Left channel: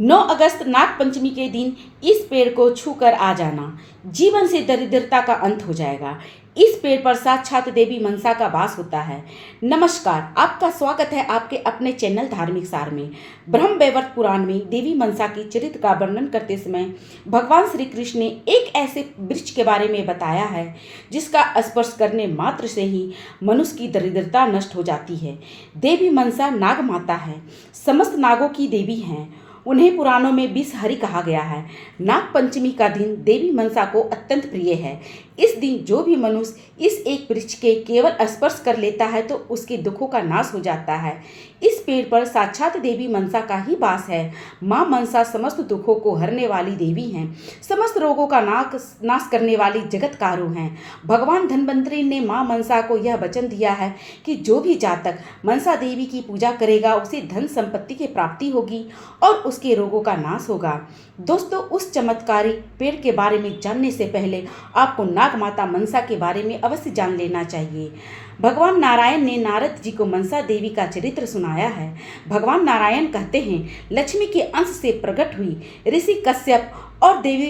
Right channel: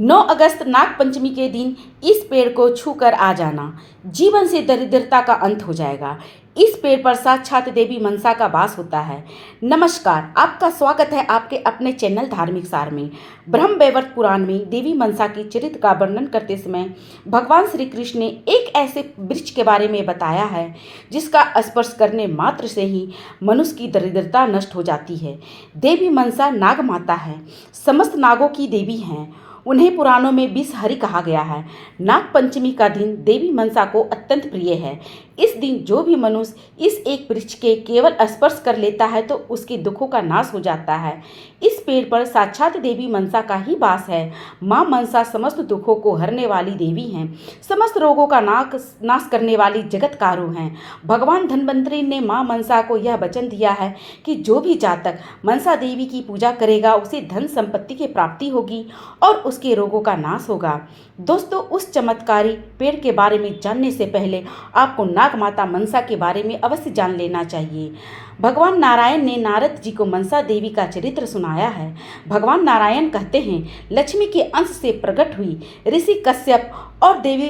9 अगस्त नाग पंचमी के दिन इस पेड़ को छूकर आ जाना, जीवन से दरिद्रता का अंत हो जाएगा। इस पेड़ पर साक्षात देवी मनसा का वास होता है। नमस्कार, आपका स्वागत है आपके अपने चैनल धार्मिक सार में। ब्रह्म वैवर्त पुराण में देवी मनसा की चरित्र का वर्णन करते समय भगवान श्री कृष्ण ने एक ऐसे वृक्ष के बारे में बताया है जिसका स्पर्श करने मात्र से ही मनुष्य की दरिद्रता नष्ट हो जाती है। देवी मनसा नाग माता है, समस्त नागों की देवी हैं। उन्हें पुराणों में विषहरी कहा गया है। नाग पंचमी का दिन देवी मनसा को अत्यंत प्रिय है। इस दिन जो भी मनुष्य इस एक वृक्ष के केवल स्पर्श कर लेता है तो उसके दुखों का नाश हो जाता है। इस पेड़ पर साक्षात देवी मनसा का ही वास है। माँ मनसा समस्त दुखों को हरने वाली देवी हैं, समस्त रोगों का नाश करने वाली जगतकारु हैं। भगवान धन्वंतरि ने माँ मनसा को यह वचन दिया है कि जो भी जातक मनसा देवी की पूजा करेगा उसे धन संपत्ति की प्राप्ति होगी और उसके रोगों का नाश होगा। दोस्तों, उस चमत्कारी पेड़ के बारे में जानने से पहले आपको नाग माता मनसा के बारे में अवश्य जान लेना चाहिए। भगवान नारायण ने नारद जी को मनसा देवी का चरित्र सुनाया है। भगवान नारायण कहते हैं, लक्ष्मी के अंश से प्रकट हुई ऋषि कश्यप और देवी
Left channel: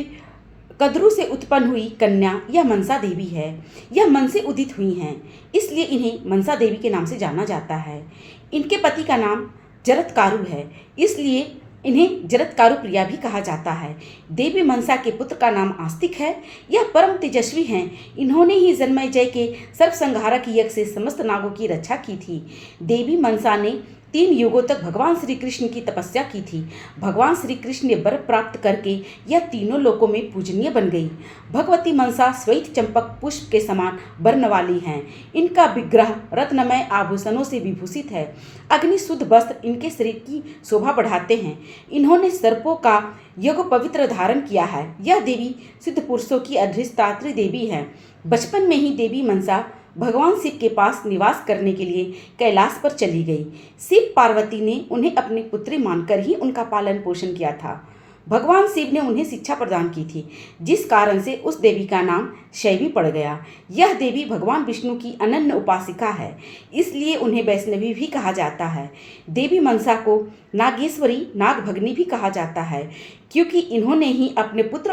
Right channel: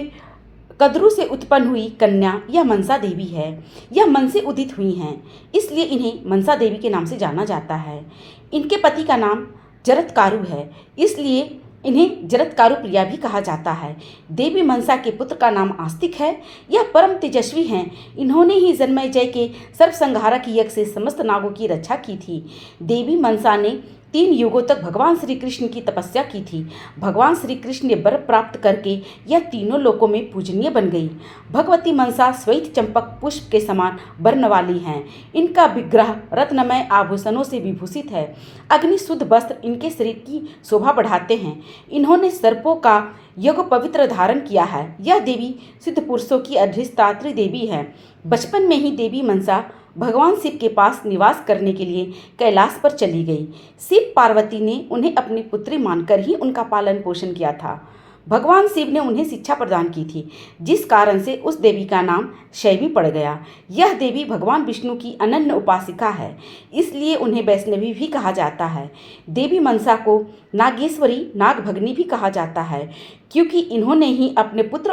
कद्रु से उत्पन्न हुई कन्या यह मनसा देवी है। यह मन से उदित हुई हैं, इसलिए इन्हें मनसा देवी के नाम से जाना जाता है। इनके पति का नाम जरत्कारु है, इसलिए इन्हें जरत्कारु प्रिया भी कहा जाता है। देवी मनसा के पुत्र का नाम आस्तिक है। यह परम तेजस्वी हैं। इन्होंने ही जन्मेजय के सर्वसंहारक यज्ञ से समस्त नागों की रक्षा की थी। देवी मनसा ने 3 युगों तक भगवान श्री कृष्ण की तपस्या की थी। भगवान श्री कृष्ण ने वर प्राप्त करके यह तीनों लोकों में पूजनीय बन गई। भगवती मनसा श्वेत चंपक पुष्प के समान वर्ण वाली हैं। इनका विग्रह रत्नमय आभूषणों से विभूषित है। अग्नि शुद्ध वस्त्र इनके शरीर की शोभा बढ़ाते हैं। इन्होंने सर्पों का योग पवित्र धारण किया है। यह देवी सिद्ध पुरुषों की अधिष्ठात्री देवी है। बचपन में ही देवी मनसा भगवान शिव के पास निवास करने के लिए कैलाश पर चली गई। शिव पार्वती ने उन्हें अपनी पुत्री मानकर ही उनका पालन पोषण किया था। भगवान शिव ने उन्हें शिक्षा प्रदान की थी, जिस कारण से उस देवी का नाम शैवी पड़ गया। यह देवी भगवान विष्णु की अनन्य उपासिका है, इसलिए उन्हें वैष्णवी भी कहा जाता है। देवी मनसा को नागेश्वरी, नागभगनी भी कहा जाता है, क्योंकि इन्होंने ही अपने पुत्र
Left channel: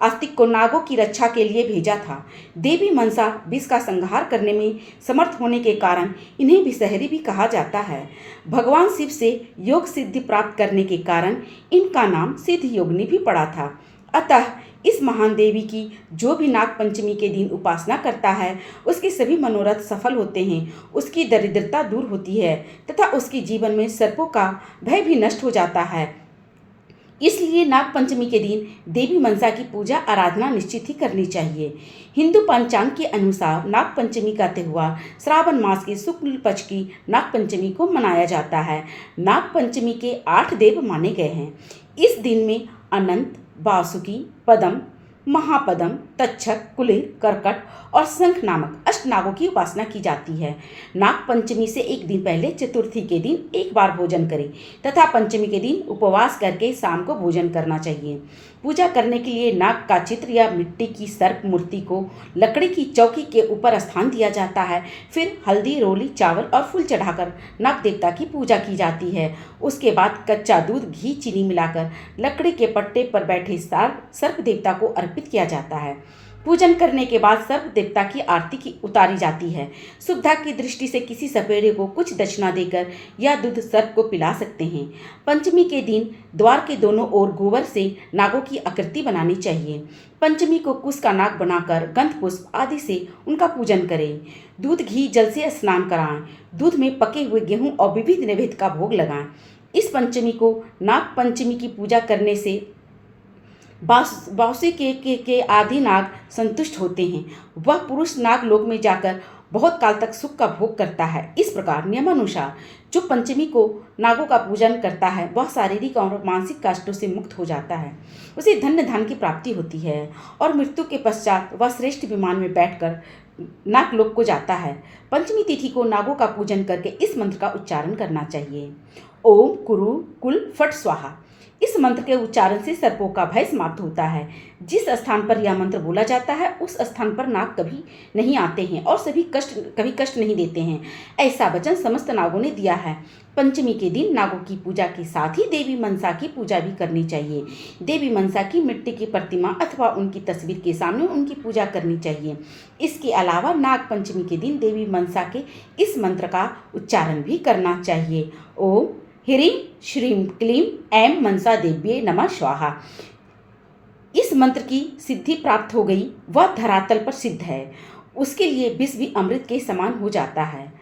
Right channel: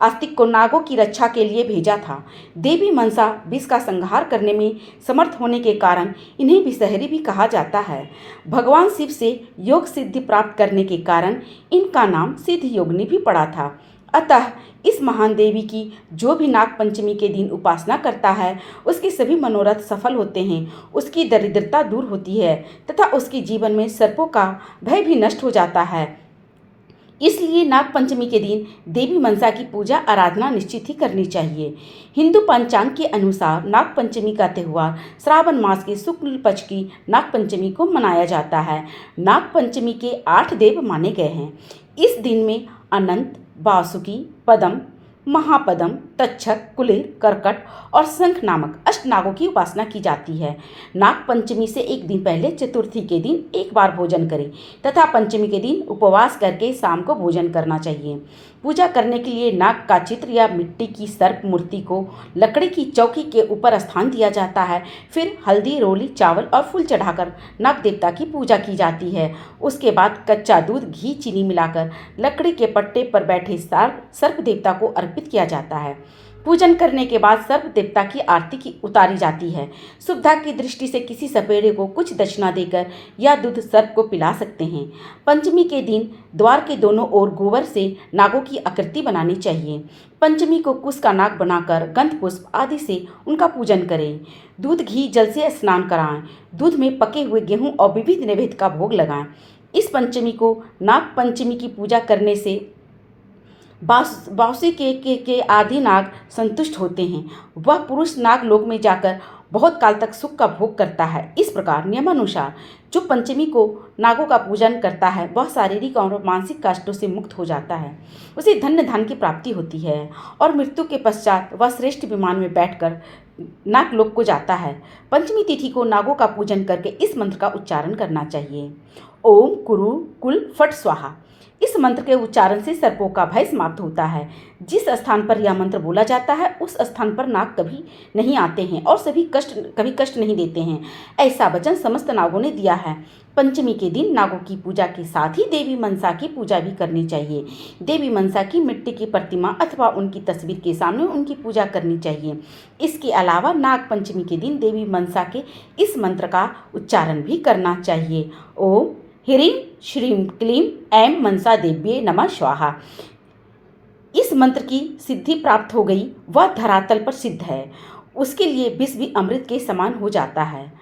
आस्तिक को नागों की रक्षा के लिए भेजा था। देवी मनसा विष का संहार करने में समर्थ होने के कारण इन्हें विषहरी भी कहा जाता है। भगवान शिव से योग सिद्धि प्राप्त करने के कारण इनका नाम सिद्ध योगिनी भी पड़ा था। अतः इस महान देवी की जो भी नाग पंचमी के दिन उपासना करता है उसके सभी मनोरथ सफल होते हैं, उसकी दरिद्रता दूर होती है तथा उसके जीवन में सर्पों का भय भी नष्ट हो जाता है। इसलिए नाग पंचमी के दिन देवी मनसा की पूजा आराधना निश्चित ही करनी चाहिए। हिंदू पंचांग के अनुसार नाग पंचमी का त्यौहार श्रावण मास के शुक्ल पक्ष की नाग पंचमी को मनाया जाता है। नाग पंचमी के 8 देव माने गए हैं। इस दिन में अनंत, वासुकी, पदम, महापदम, तक्षक, कुलिर, कर्कट और शंख नामक अष्टनागों की उपासना की जाती है। नाग पंचमी से एक दिन पहले चतुर्थी के दिन एक बार भोजन करें तथा पंचमी के दिन उपवास करके शाम को भोजन करना चाहिए। पूजा करने के लिए नाग का चित्र या मिट्टी की सर्प मूर्ति को लकड़ी की चौकी के ऊपर स्थान दिया जाता है। फिर हल्दी, रोली, चावल और फूल चढ़ाकर नाग देवता की पूजा की जाती है। उसके बाद कच्चा दूध, घी, चीनी मिलाकर लकड़ी के पट्टे पर बैठे सर्प देवता को अर्पित किया जाता है। पूजन करने के बाद सर्प देवता की आरती की उतारी जाती है। शुभता की दृष्टि से किसी सपेरे को कुछ दक्षिणा देकर या दूध सर्प को पिला सकते हैं। पंचमी के दिन द्वार के दोनों ओर गोबर से नागों की आकृति बनानी चाहिए। पंचमी को कुश का नाग बनाकर गंध पुष्प आदि से उनका पूजन करें। दूध, घी, जल से स्नान कराएं। दूध में पके हुए गेहूं और विविध नैवेद्य का भोग लगाएं। इस पंचमी को नाग पंचमी की पूजा करने से बाउसी के आदि नाग संतुष्ट होते हैं। वह पुरुष नाग लोक में जाकर बहुत काल तक सुख का भोग करता है। इस प्रकार नियमानुसार जो पंचमी को नागों का पूजन करता है वह शारीरिक और मानसिक कष्टों से मुक्त हो जाता है। उसे धन्य धन की प्राप्ति होती है और मृत्यु के पश्चात वह श्रेष्ठ विमान में बैठकर नागलोक को जाता है। पंचमी तिथि को नागों का पूजन करके इस मंत्र का उच्चारण करना चाहिए। ओम कुरु कुल फट स्वाहा। इस मंत्र के उच्चारण से सर्पों का भय समाप्त होता है। जिस स्थान पर यह मंत्र बोला जाता है उस स्थान पर नाग कभी नहीं आते हैं और कभी कष्ट नहीं देते हैं, ऐसा वचन समस्त नागों ने दिया है। पंचमी के दिन नागों की पूजा के साथ ही देवी मनसा की पूजा भी करनी चाहिए। देवी मनसा की मिट्टी की प्रतिमा अथवा उनकी तस्वीर के सामने उनकी पूजा करनी चाहिए। इसके अलावा नाग पंचमी के दिन देवी मनसा के इस मंत्र का उच्चारण भी करना चाहिए। ओम ह्रीं श्रीं क्लीं ऐं मनसा देव्ये नमः स्वाहा। इस मंत्र की सिद्धि प्राप्त हो गई, वह धरातल पर सिद्ध है, उसके लिए विष भी अमृत के समान हो जाता है।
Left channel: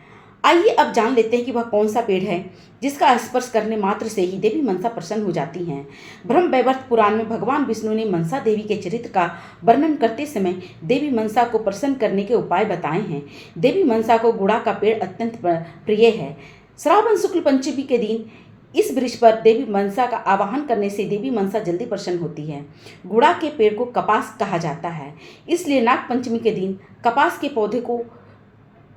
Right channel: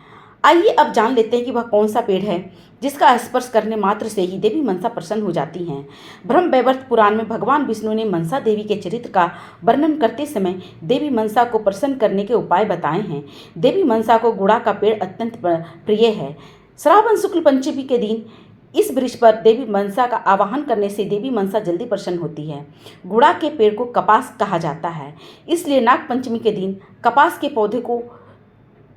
आइए अब जान लेते हैं कि वह कौन सा पेड़ है जिसका स्पर्श करने मात्र से ही देवी मनसा प्रसन्न हो जाती हैं। ब्रह्म वैवर्त पुराण में भगवान विष्णु ने मनसा देवी के चरित्र का वर्णन करते समय देवी मनसा को प्रसन्न करने के उपाय बताए हैं। देवी मनसा को गुड़ा का पेड़ अत्यंत प्रिय है। श्रावण शुक्ल पंचमी के दिन इस वृक्ष पर देवी मनसा का आवाहन करने से देवी मनसा जल्दी प्रसन्न होती है। गुड़ा के पेड़ को कपास कहा जाता है, इसलिए नाग पंचमी के दिन कपास के पौधे को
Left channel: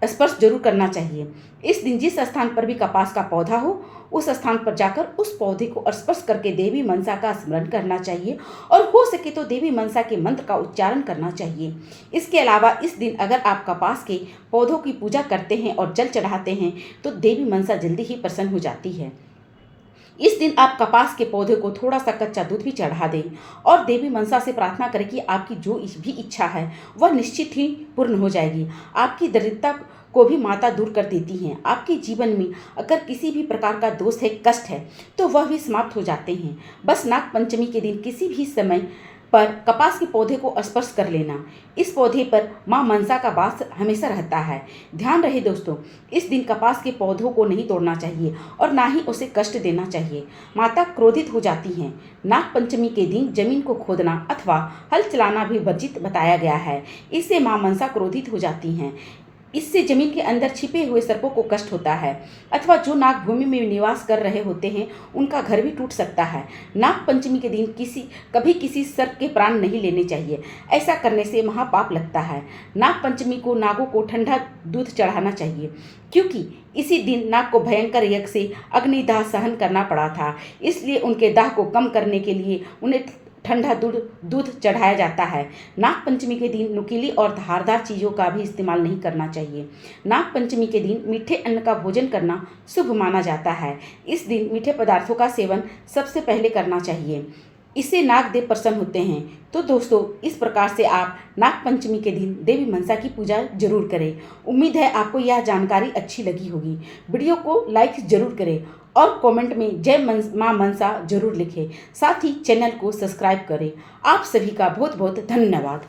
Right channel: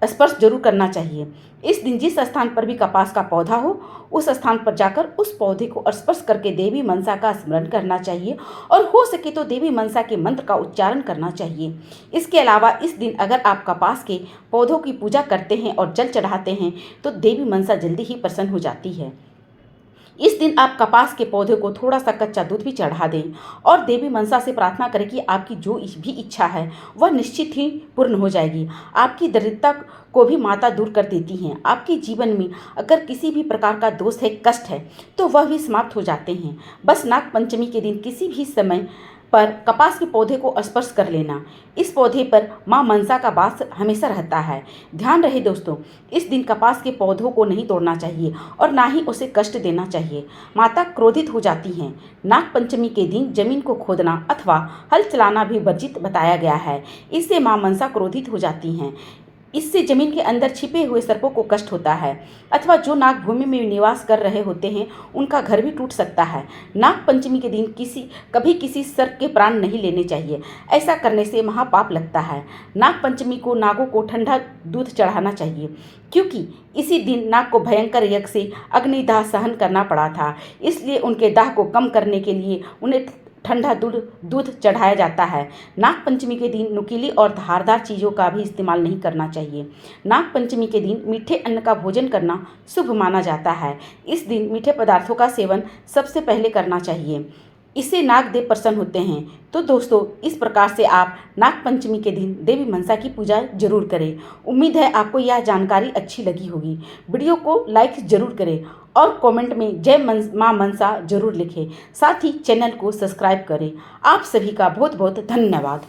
स्पर्श जरूर करना चाहिए। इस दिन जिस स्थान पर भी कपास का पौधा हो उस स्थान पर जाकर उस पौधे को स्पर्श करके देवी मनसा का स्मरण करना चाहिए और हो सके तो देवी मनसा के मंत्र का उच्चारण करना चाहिए। इसके अलावा इस दिन अगर आप कपास के पौधों की पूजा करते हैं और जल चढ़ाते हैं तो देवी मनसा जल्दी ही प्रसन्न हो जाती है। इस दिन आप कपास के पौधे को थोड़ा सा कच्चा दूध भी चढ़ा दें और देवी मनसा से प्रार्थना करें कि आपकी जो भी इच्छा है वह निश्चित ही पूर्ण हो जाएगी। आपकी दरिद्रता को भी माता दूर कर देती हैं। आपके जीवन में अगर किसी भी प्रकार का दोष है, कष्ट है, तो वह भी समाप्त हो जाते हैं। बस नाग पंचमी के दिन किसी भी समय पर कपास के पौधे को स्पर्श कर लेना। इस पौधे पर मां मनसा का वास हमेशा रहता है। ध्यान रहे दोस्तों, इस दिन कपास के पौधों को नहीं तोड़ना चाहिए और ना ही उसे कष्ट देना चाहिए। माता क्रोधित हो जाती हैं। नाग पंचमी के दिन जमीन को खोदना अथवा हल चलाना भी वर्जित बताया गया है। इससे मां मनसा क्रोधित हो जाती हैं। इससे जमीन के अंदर छिपे हुए सर्पों को कष्ट होता है अथवा जो नाग भूमि में निवास कर रहे होते हैं उनका घर भी टूट सकता है। नाग पंचमी के दिन कभी किसी सर्प के प्राण नहीं लेने चाहिए, ऐसा करने से महापाप लगता है। नाग पंचमी को नागों को ठंडा दूध चढ़ाना चाहिए क्योंकि इसी दिन नाग को भयंकर यज्ञ से अग्निदाह सहन करना पड़ा था, इसलिए उनके दाह को कम करने के लिए उन्हें ठंडा दूध चढ़ाया जाता है। नाग पंचमी के दिन नुकीली और धारदार चीज़ों का भी इस्तेमाल नहीं करना चाहिए। नाग पंचमी के दिन मीठे अन्न का भोजन करना शुभ माना जाता है। इस दिन मीठे पदार्थों का सेवन सबसे पहले करना चाहिए, इससे नागदेव प्रसन्न होते हैं। तो दोस्तों, इस प्रकार से आप नाग पंचमी के दिन देवी मनसा की पूजा जरूर करें। उम्मीद है आपको यह जानकारी अच्छी लगी होगी। वीडियो को लाइक जरूर करें और कमेंट में जय मां मनसा जरूर लिखें। साथ ही चैनल को सब्सक्राइब करें। आप सभी का बहुत बहुत धन्यवाद।